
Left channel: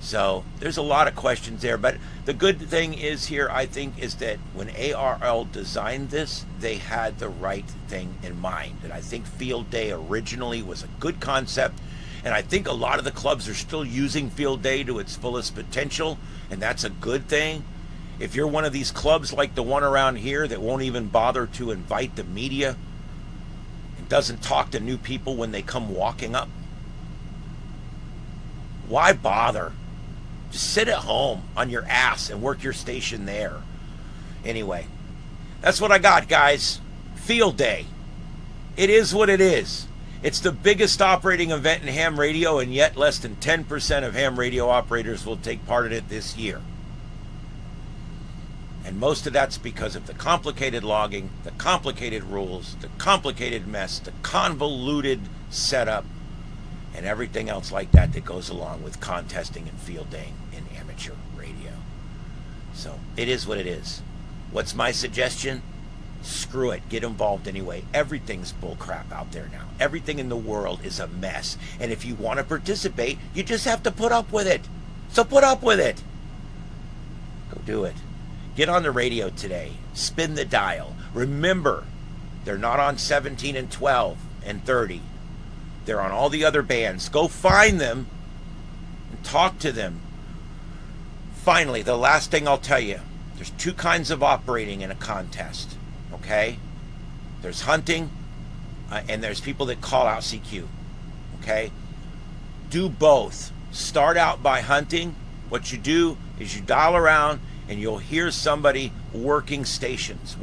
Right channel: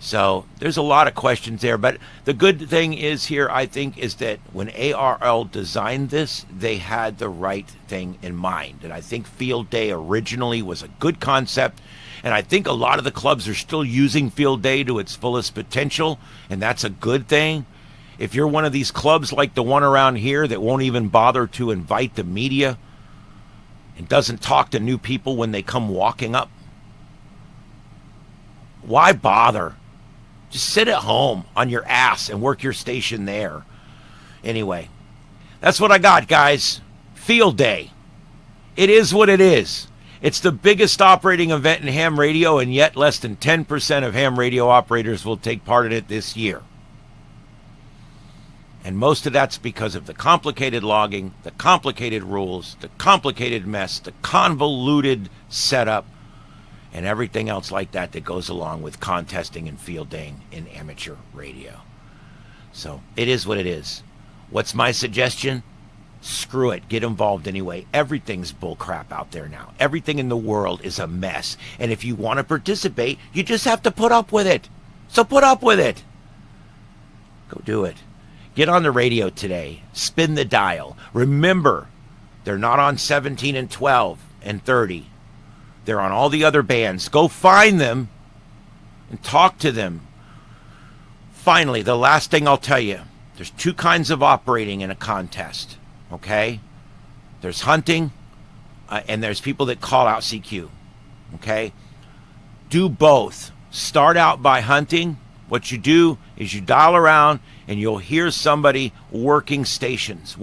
So there's a lot of questions there, but the good thing is here, I think, is that when ARRL designed this, they had the right thing in mind. And I think Field Day originally was a good concept, and I think a lot of the clubs are still using Field Day to its fullest potential, and that's a good thing. If you're one of these clubs like the one around here that won't even bother to invite the media and doesn't talk to new people when they come walking up, why bother? Just sit at home on your ass and work your station there. Anyway, that's what I got, guys. Field Day. It is what it is. It's the biggest operating event in ham radio, and yet less than 10% of ham radio operators will take part in it this year. And most of that's because of the complicated logging, the complicated rules, the complicated mess, the convoluted setup, and everything else like that that goes along with contesting and fielding in amateur radio. So it is what it is. What's my suggestion? Screw it. Get involved anyway. Everything's bullcrap out there now. Everything in the world is a mess. And if you want to participate, you just have to put up with it. So put up with it. Go do it. Get on the radio today. Spin the dial. Remember, they're not on 17 and 12 and 30. They're on all the other bands. Go find them and talk to them. Finally, the last thing I'll tell you, there's two kinds of operating in a contest, okay? There's hunting, and there's people that call out CQ, okay? Do both. Start out by hunting. What you do is you dial around and you'll hear somebody working stations.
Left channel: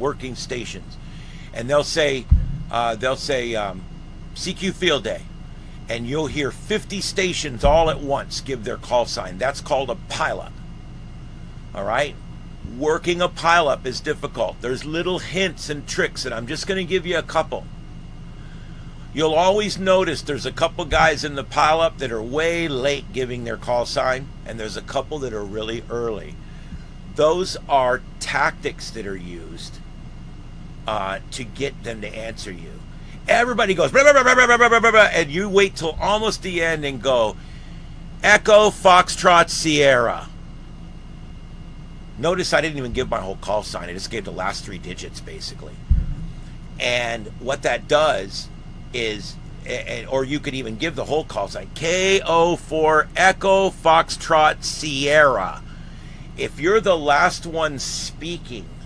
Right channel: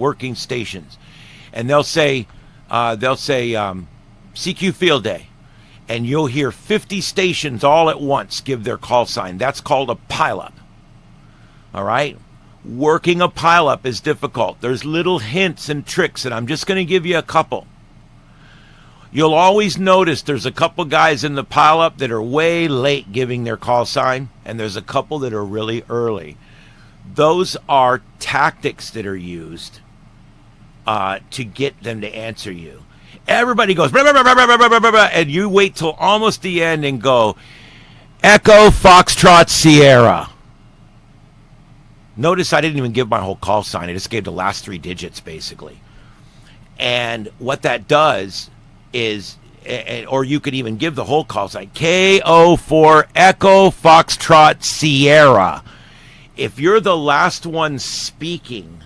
And they'll say CQ Field Day. And you'll hear 50 stations all at once give their call sign. That's called a pileup. All right? Working a pileup is difficult. There's little hints and tricks, and I'm just going to give you a couple. You'll always notice there's a couple guys in the pileup that are way late giving their call sign, and there's a couple that are really early. Those are tactics that are used to get them to answer you. Everybody goes, blah, blah, blah, blah, blah, blah, blah, blah, and you wait till almost the end and go, Echo, Foxtrot, Sierra. Notice I didn't even give my whole call sign. I just gave the last three digits, basically. And what that does is, or you could even give the whole call sign, KO4, Echo, Foxtrot, Sierra. If you're the last one speaking,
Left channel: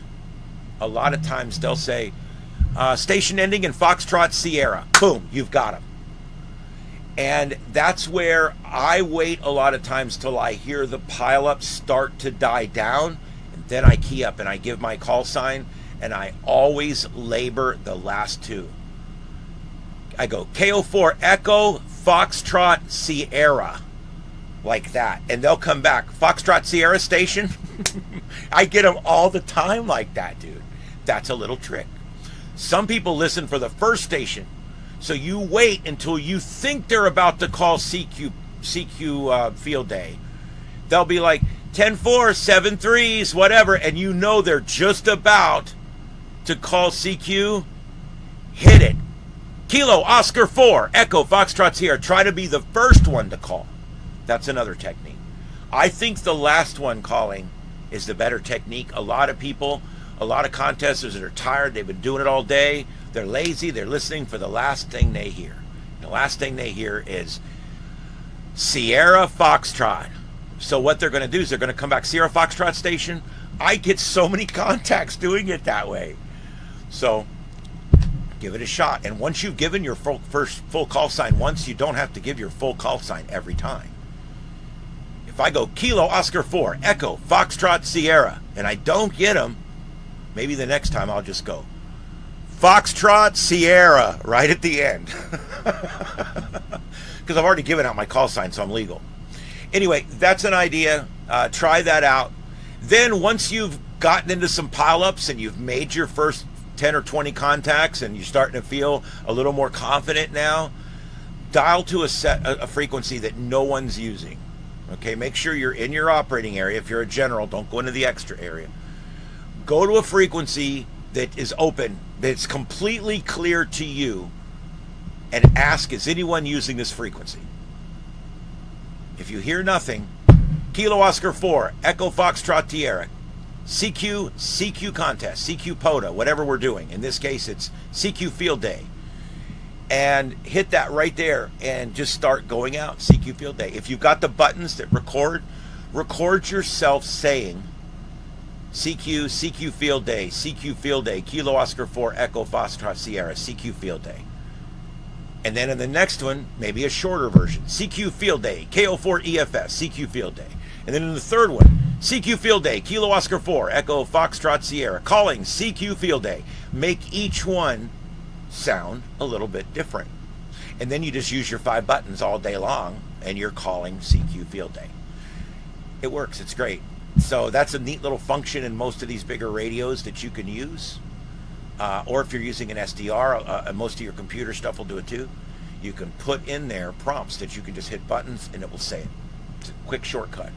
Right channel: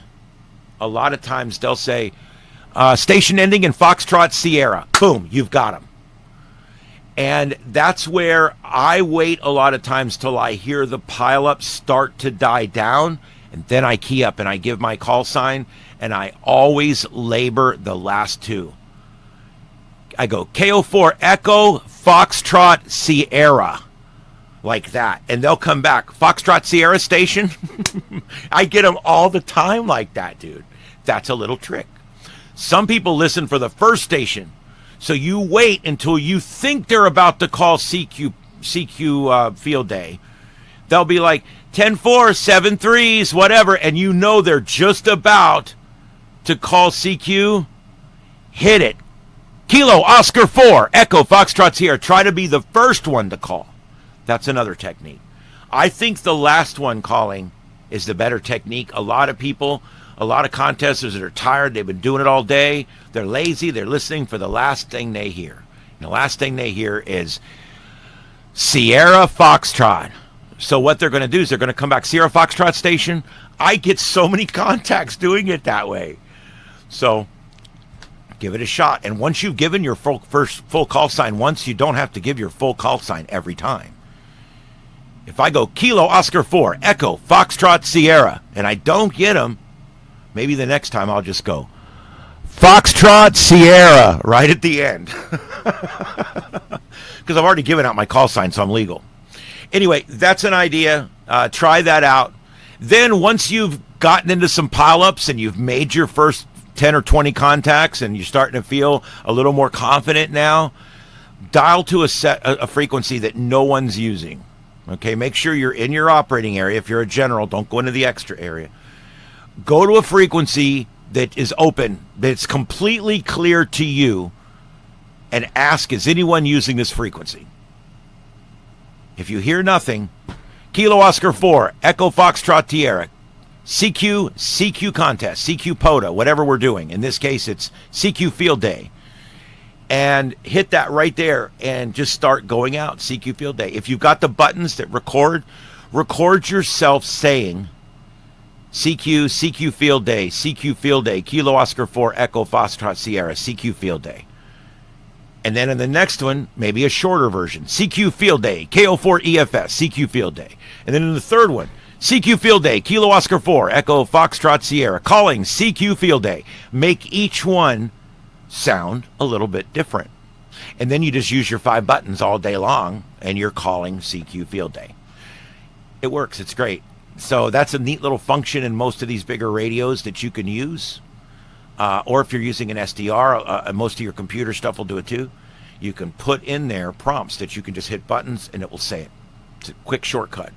a lot of times they'll say, station ending in Foxtrot Sierra. Boom, you've got them. And that's where I wait a lot of times till I hear the pileup start to die down, and then I key up and I give my call sign, and I always labor the last two. I go KO4 Echo Foxtrot Sierra, like that, and they'll come back. Foxtrot Sierra station. I get them all the time like that, dude. That's a little trick. Some people listen for the first station, so you wait until you think they're about to call CQ Field Day. They'll be like 10-4, 7-3s, whatever, and you know they're just about to call CQ. Hit it. Kilo Oscar 4, Echo Foxtrot Sierra. Try to be the first one to call. That's another technique. I think the last one calling is the better technique. A lot of people, a lot of contesters that are tired, they've been doing it all day, they're lazy, they're listening for the last thing they hear. And the last thing they hear is Sierra Foxtrot. So what they're going to do is they're going to come back, Sierra Foxtrot station. I get so many contacts doing it that way. So give it a shot. And once you've given your first full call sign once, you don't have to give your full call sign every time. If I go Kilo Oscar 4, Echo Foxtrot Sierra, and I don't get them, maybe the next time I'll just go Foxtrot Sierra right at the end. Because I've already given out my call sign, so I'm legal. Anyway, that's an idea. Try that out. Then once you've gotten into some pileups and you've made your first 10 or 20 contacts and you're starting to feel a little more confident now, dial to a frequency that no one's using. Okay, make sure you're in your operating area. If you're a general, don't go into the extra area. Go to a frequency that is open, that's completely clear to you, and ask, is anyone using this frequency? If you hear nothing, Kilo Oscar 4, Echo Foxtrot Tierra, CQ contest, CQ POTA, whatever we're doing. In this case, it's CQ Field Day. And hit that right there and just start going out, CQ Field Day. If you've got the buttons that record yourself saying CQ Field Day, Kilo Oscar 4, Echo Foxtrot Sierra, CQ Field Day. And then in the next one, maybe a shorter version, CQ Field Day, KO4 EFS, CQ Field Day. And then in the third one, CQ Field Day, Kilo Oscar 4, Echo Foxtrot Sierra, calling CQ Field Day. Make each one sound a little bit different. And then you just use your 5 buttons all day long, and you're calling CQ Field Day. It works. It's great. So that's a neat little function in most of these bigger radios that you can use. Or if you're using an SDR, most of your computer stuff will do it too. You can put in there prompts that you can just hit buttons and it will say it. It's a quick shortcut.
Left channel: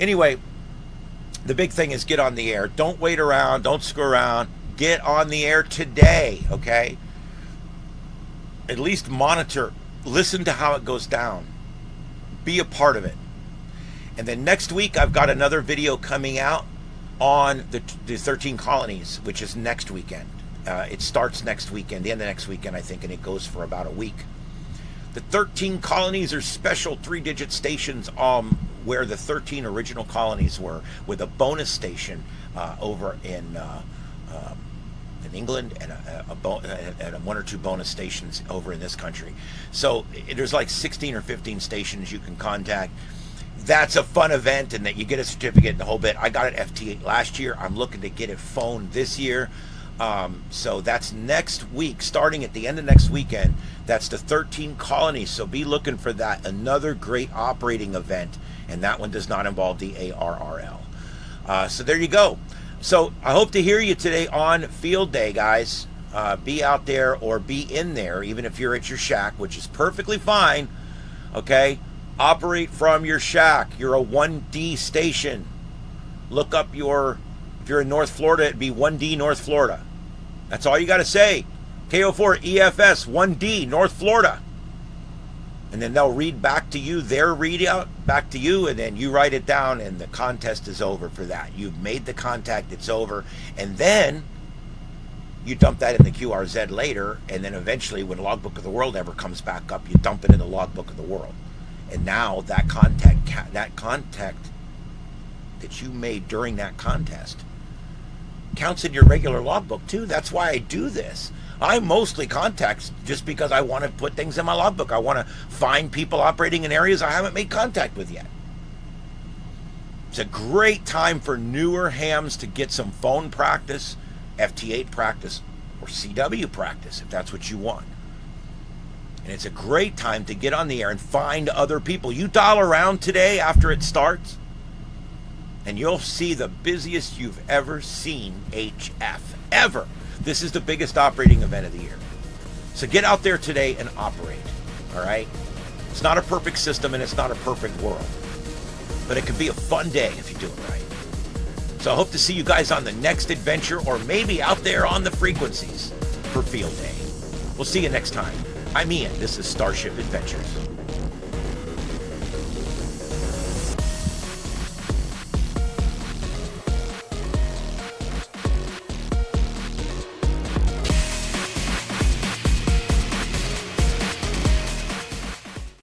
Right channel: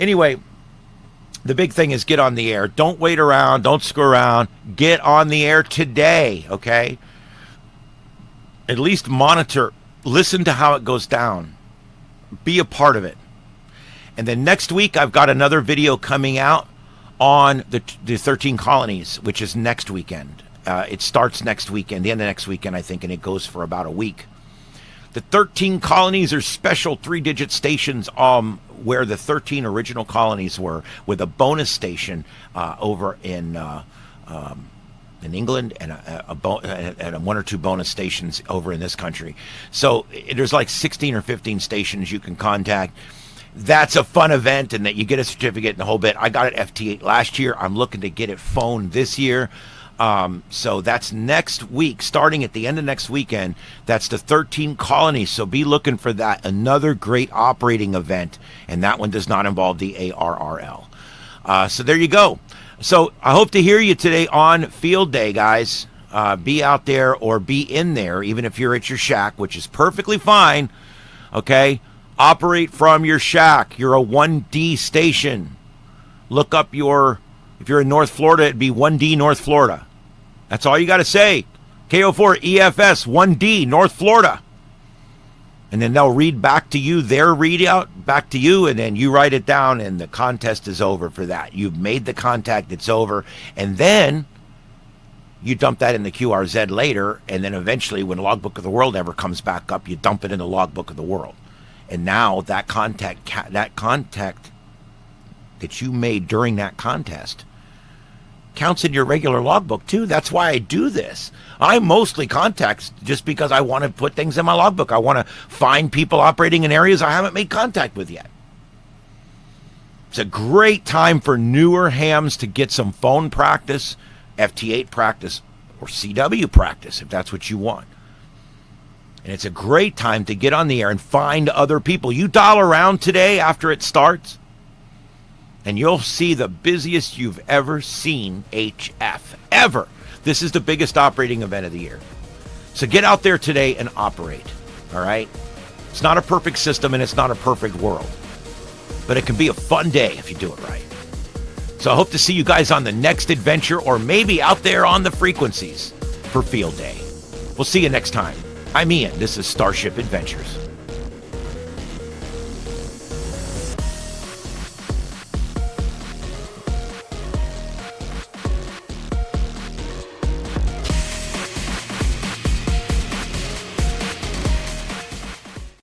Anyway, the big thing is get on the air. Don't wait around. Don't screw around. Get on the air today, okay? At least monitor. Listen to how it goes down. Be a part of it. And then next week, I've got another video coming out on the 13 colonies, which is next weekend. It starts next weekend, the end of next weekend, I think, and it goes for about a week. The 13 colonies are special 3-digit stations where the 13 original colonies were, with a bonus station over in England and 1 or 2 bonus stations over in this country. So there's like 16 or 15 stations you can contact. That's a fun event, and that you get a certificate and the whole bit. I got it FT8 last year. I'm looking to get it phone this year. So that's next week, starting at the end of next weekend. That's the 13 colonies. So be looking for that. Another great operating event, and that one does not involve the ARRL. So there you go. So I hope to hear you today on Field Day, guys. Be out there or be in there, even if you're at your shack, which is perfectly fine. Okay. Operate from your shack. You're a 1D station. Look up if you're in North Florida, it'd be 1D North Florida. That's all you got to say. KO4 EFS 1D North Florida. And then they'll read back to you their readout back to you, and then you write it down, and the contest is over for that. You've made the contact, it's over. And then you dump that in the QRZ later, and then eventually when Logbook of the World ever comes back up, you dump it in the Logbook of the World. And now that contact that you made during that contest counts in your regular logbook too. That's why I do this. I mostly contact just because I want to put things in my logbook. I want to find people operating in areas I haven't made contact with yet. It's a great time for newer hams to get some phone practice, FT8 practice, or CW practice if that's what you want. And it's a great time to get on the air and find other people. You dial around today after it starts, and you'll see the busiest you've ever seen HF, ever. This is the biggest operating event of the year. So get out there today and operate, all right? It's not a perfect system, and it's not a perfect world. But it can be a fun day if you do it right. So I hope to see you guys on the next adventure, or maybe out there on the frequencies for Field Day. We'll see you next time. I'm Ian. This is Starship Adventures.